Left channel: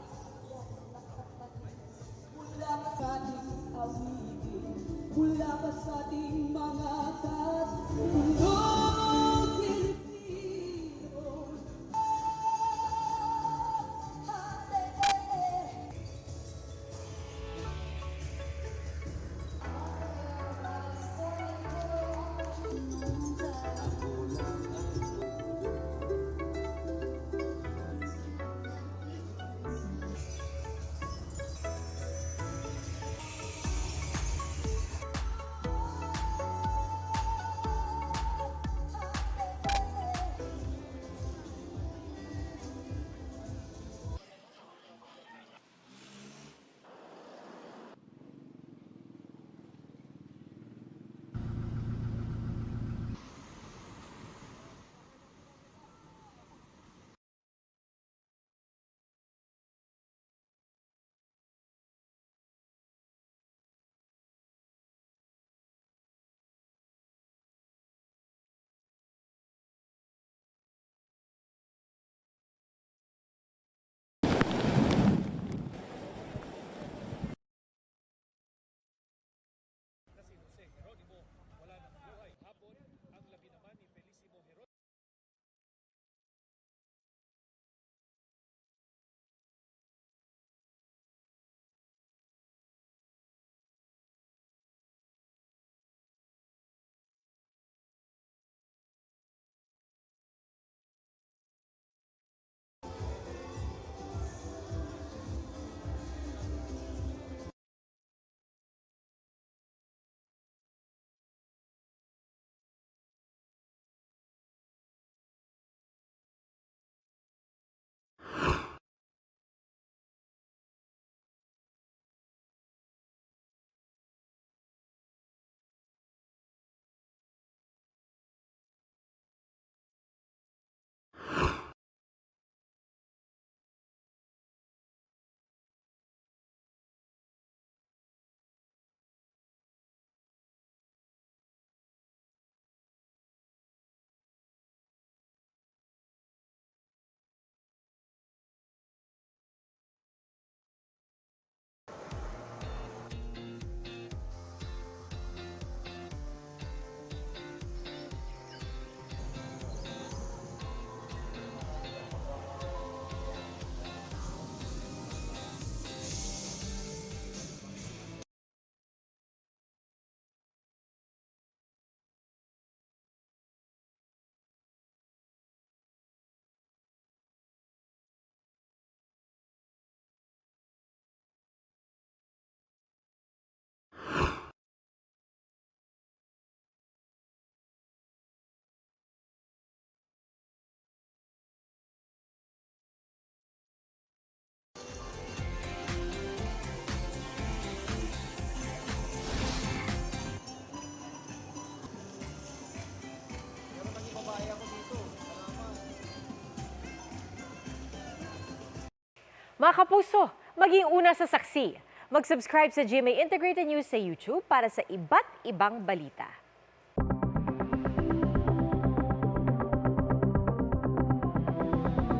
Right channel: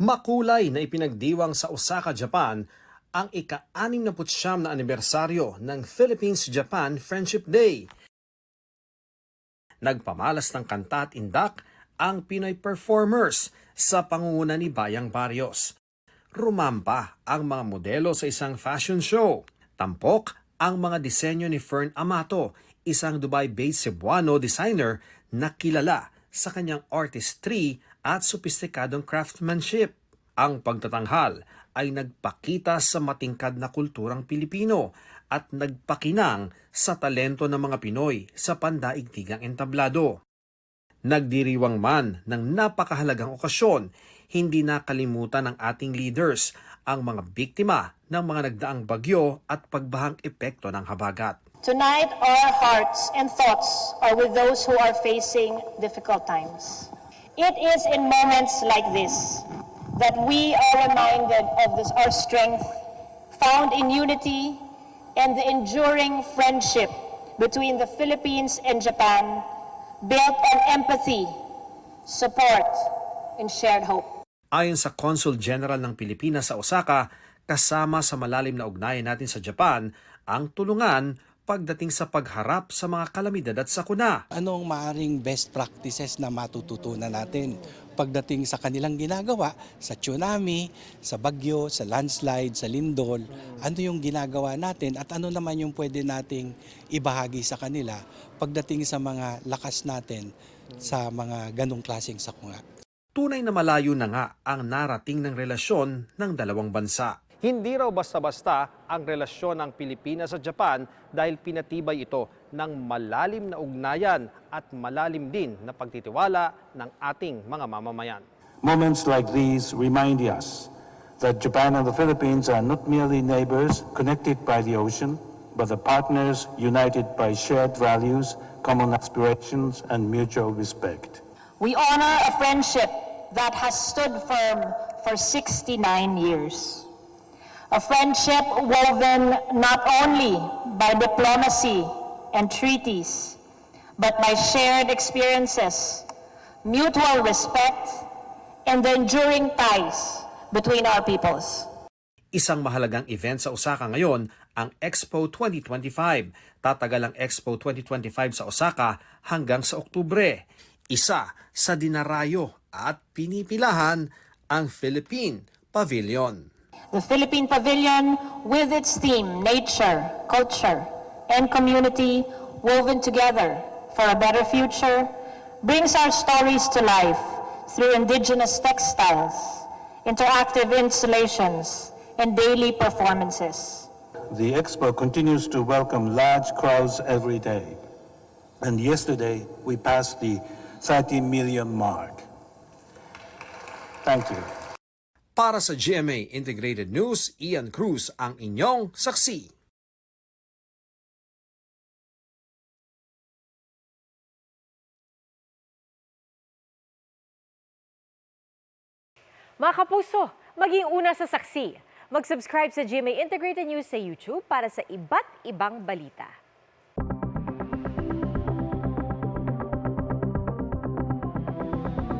Makulay na ipinagdiwang sa Osaka, Japan ang ika-69 na anibersaryo ng Philippines-Japan Friendship Day. Nagpamalas ng kanta at indak ang Pinoy performers sa pangunguna ni Bayang Barrios. Rumamba ang mga modelo sa isang fashion show. Tampok ang mga disenyo ni Fern Amato, isang Dubai-based Cebuano designer na kilala sa kanyang artistry at sopistikadong craftsmanship. Ang pagtatanghal ay nagpakita sa matingkad na kulturang Pilipino at nagpakinang sa talento ng mga Pinoy sa pandaigdigang entablado. Nagdiriwang man ng napakahalagang okasyon, hindi nakalimutan ng ating leaders ang mga biktima ng mga nagdaang bagyo at pagbahang epekto ng habagat. Tonight, our hearts and thoughts are with those who are facing difficult times. It is in moments like this that we are reminded of our strength found in unity and the enduring friendship between the Philippines and Japan, built on empathy, support, and shared hope. Ayon sa Consul General ng Pilipinas sa Osaka, kasama sa malalim na ugnayan natin sa Japan, ang tulungan pagdating sa pagharap sa mga kalamidad at sakuna. Anong maaring best practices na matututunan natin pagdating sa kanilang ginagawa sa tsunami, sa bagyo, sa landslide, sa lindol? Ano yung ginagawa natin at ano naman yung pwede nating ibahagi sa kanila pagdating sa mga lakas natin sa mga ganong klaseng sakuna? Tunay na malayo na nga ang narating ng relasyon ng dalawang bansa. Hindi raw basta-basta ang relasyon ng Pilipinas at Japan dahil pinatibay ito ng malalim na ugnayan at malalim din na pagtitiwala ng ating mga mamamayan. Moments like these remind us that Japan and the Philippines are not merely neighbors connected by the ocean, but the partners united by shared values, common aspirations, and mutual respect. We honor a friendship that has stood firm for 69 years. A friendship woven not only by diplomacy and treaties, but by shared experiences, mutual respect, and the enduring ties between our peoples. Isang mahalagang event sa Osaka ngayon, ang Expo 2025. Tatagal ang Expo 2025 sa Osaka hanggang sa Oktubre. Isa sa dinarayo at pinipilahan ang Philippine Pavilion. The Philippine Pavilion, with its theme, nature, culture, and community woven together for a better future, brings our stories to life through indigenous textiles, interactive installations, and daily performances. The Expo continues to welcome large crowds every day. And yesterday, we passed the 30 million mark. Thank you. Para sa GMA Integrated News, Ian Cruz ang inyong saksi. Mga kapuso, maging una sa saksi. Mag-subscribe sa GMA Integrated News sa YouTube para sa iba't ibang balita.